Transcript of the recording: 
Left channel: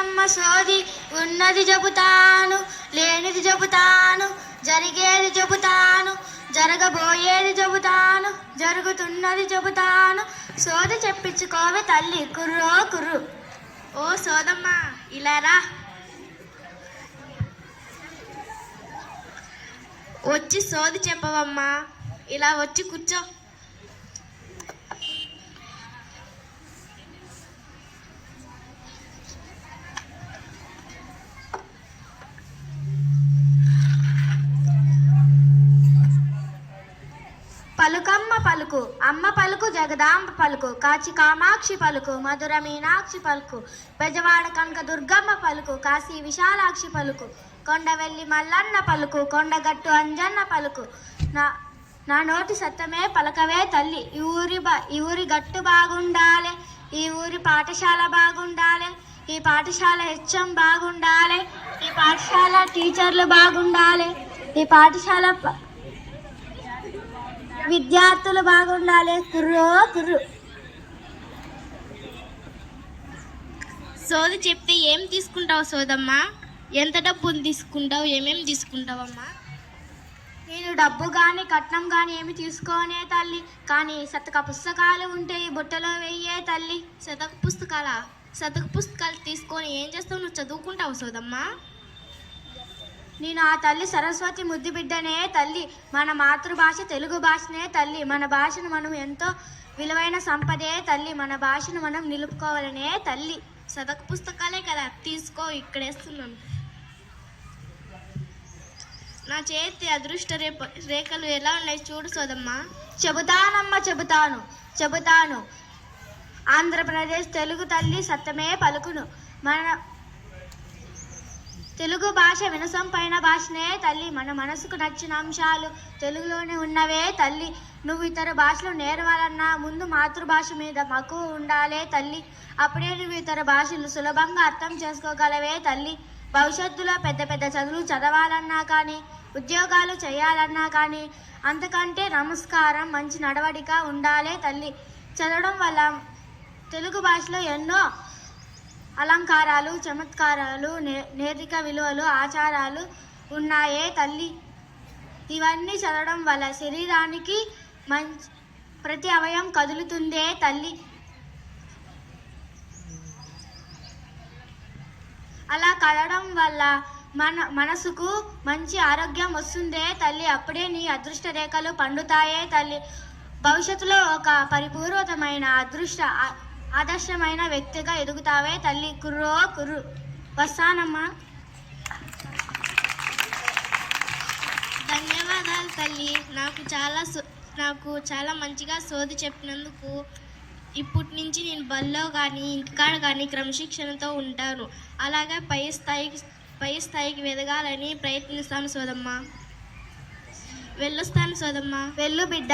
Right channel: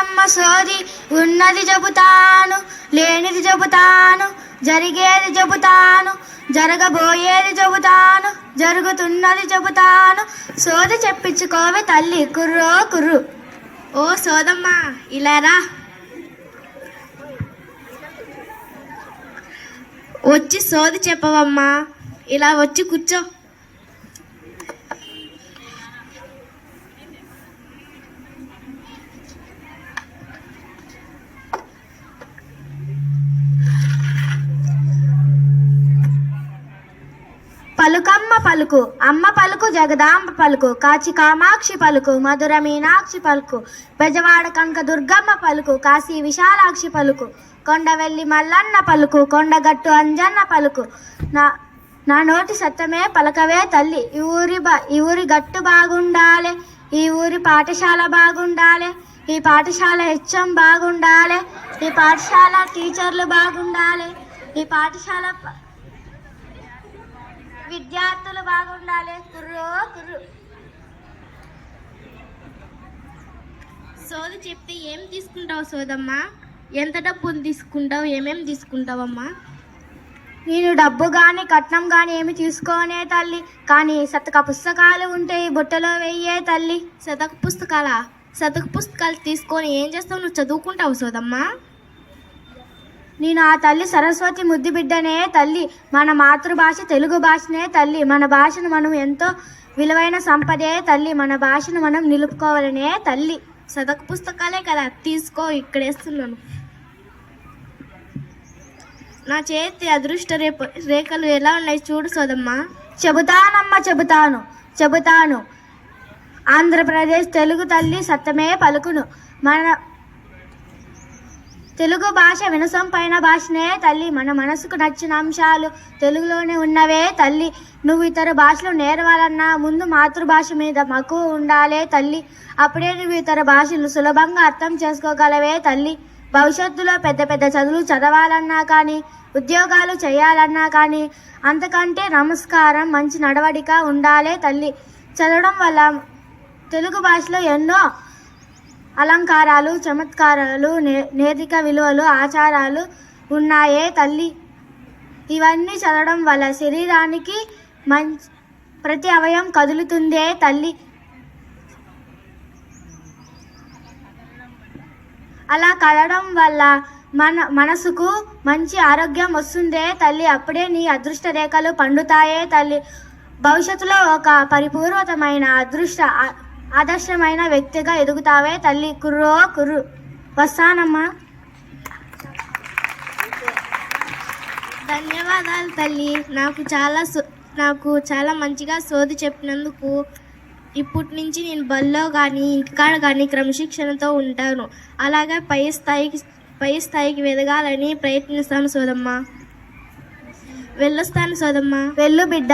చెబుతానమ్మ సోది ఉన్నది చెబుతాను లేనిది చెబుతాను జరిగేది చెబుతాను జరగబోయేది చెబుతాను జరుగుతున్నది చెబుతాను సోది చెప్పించుకోవే తల్లి కుర్రో కుర్రు. ఓ సోదమ్మ ఇలా రా. వచ్చి సోది చెప్పవమ్మా. ఇలా వచ్చి కూర్చో. పలుకమ్మ పలుకు అమ్మ పలుకు జగదాంబ పలుకు కాచి కామాక్షి పలుకు మధుర మీనాక్షి పలుకు బెజవాడ కంక దుర్గమ్మ పలుకు కాశీ విశాలాక్షి పలుకు కొండవెల్లి మల్లన్న పలుకు కొండగట్టు అంజన్న పలుకు. నా నా నోటి సత్తమే పలకవే తల్లి. ఈ ఊరి బా ఈ ఊరి గట్టు బాగుండాలి ఈ ఊరి పాఠశాల బాగుండాలి ఈ పాఠశాల హెచ్ఎం బాగుండాలి ఈ పాఠశాల టీచర్లు బాగుండాలి ఈ పాఠశాల విద్యార్థులు బాగుండాలి. కుర్రో కుర్రు. సోది చెప్తే ఏం తీసుకుంటావు సోదమ్మా? ఎంత డబ్బులు తీసుకుంటావు? ఏమేం తీసుకుంటావమ్మా? నేను డబ్బు కానీ కట్నం కానీ ఏమి తీసుకోనే తల్లి. కానీ శతక పుస్తకాలు ఉంటే బుట్టలో వెయ్యే తల్లి. శతక పుస్తకాలా? శతక పుస్తకాలు తీసుకొని ఏం చేస్తావు? నువ్వు చదువుకుంటావు సోదమ్మా? నేను ఆ తల్లి సరస్వతి ముద్దు బిడ్డనే తల్లి. మన మాతృభాష తెలుగు భాషనే తల్లి. మన భాషను మనం ఎంతో విలువైన సంపదే తల్లి. మన భాషను మనం నిలుపుకోవాలనే తల్లి. శతక పుస్తకాలే కదా. తీసుకో ఇక్కడేస్తున్నాను. నా చేతి అదృష్ట రేపు రేఖలు ఎలా ఉన్నాయి చూడు సోదమ్మా. చెబుతానమ్మా చెబుతాను చెబుతాను. ఆంధ్రప్రదేశ్ తెలుగు తల్లి సత్యమే పలుకును. మన తెలుగు భాష వినసొంపైన భాషనే తల్లి. మన మనసుకు నచ్చిన అంశాలు తెలుగులోనే ఉన్నవే తల్లి. నువ్వు ఇతర భాషలు నేర్వాలన్నా ముందు మాతృభాష మీద మక్కువ ఉండాలే తల్లి. అప్పుడే నువ్వు ఇతర భాషలు సులభంగా అర్థం చేసుకోగలవే తల్లి. భవిష్యత్తులో పెద్ద పెద్ద చదువులు చదవాలన్నా కానీ ఉద్యోగాలు చేయాలన్నా కానీ అంతకంటే నమస్కారం మంచి నడవడిక ఉండాలే తల్లి. చదవడం వల్ల తెలుగు భాషలో ఎన్నో అలంకారాలు చమత్కారాలు నే నేతిక విలువలు ఆచారాలు ఉన్నాయే తల్లి. ఇవన్నీ చదవడం వల్ల శరీరానికి మంచి ప్రతి అవయం కదులుతుందే తల్లి. అలా కదడం వల్ల మన మనసుకు మంచి ఆరోగ్యం వస్తుందే తల్లి. అప్పుడే నీ అదృష్ట రేఖలు పండుతాయే తల్లి. భవిష్యత్తులో ఒక పరిపూర్వతమైన అదృష్ట ఆదర్శమైన వ్యక్తిగా ఎదుగుతావే తల్లి. కుర్రో కుర్రు. వస్తానమ్మా. ధన్యవాదాలు తల్లి. నాకు చాలా సో- నాకు చాలా మంచిగా సోది చెప్పినందుకు ఇప్పటి నుంచి నేను బల్లో కానీ ఇంటికాడ కానీ క్రమశిక్షణతో ఉంటాను. అలాగే పై స్థాయికి పై స్థాయికి ఎదగాలని ప్రయత్నిస్తాను సోదమ్మ. వెళ్ళొస్తాను సోదమ్మ. వెళ్ళు బిడ్డ.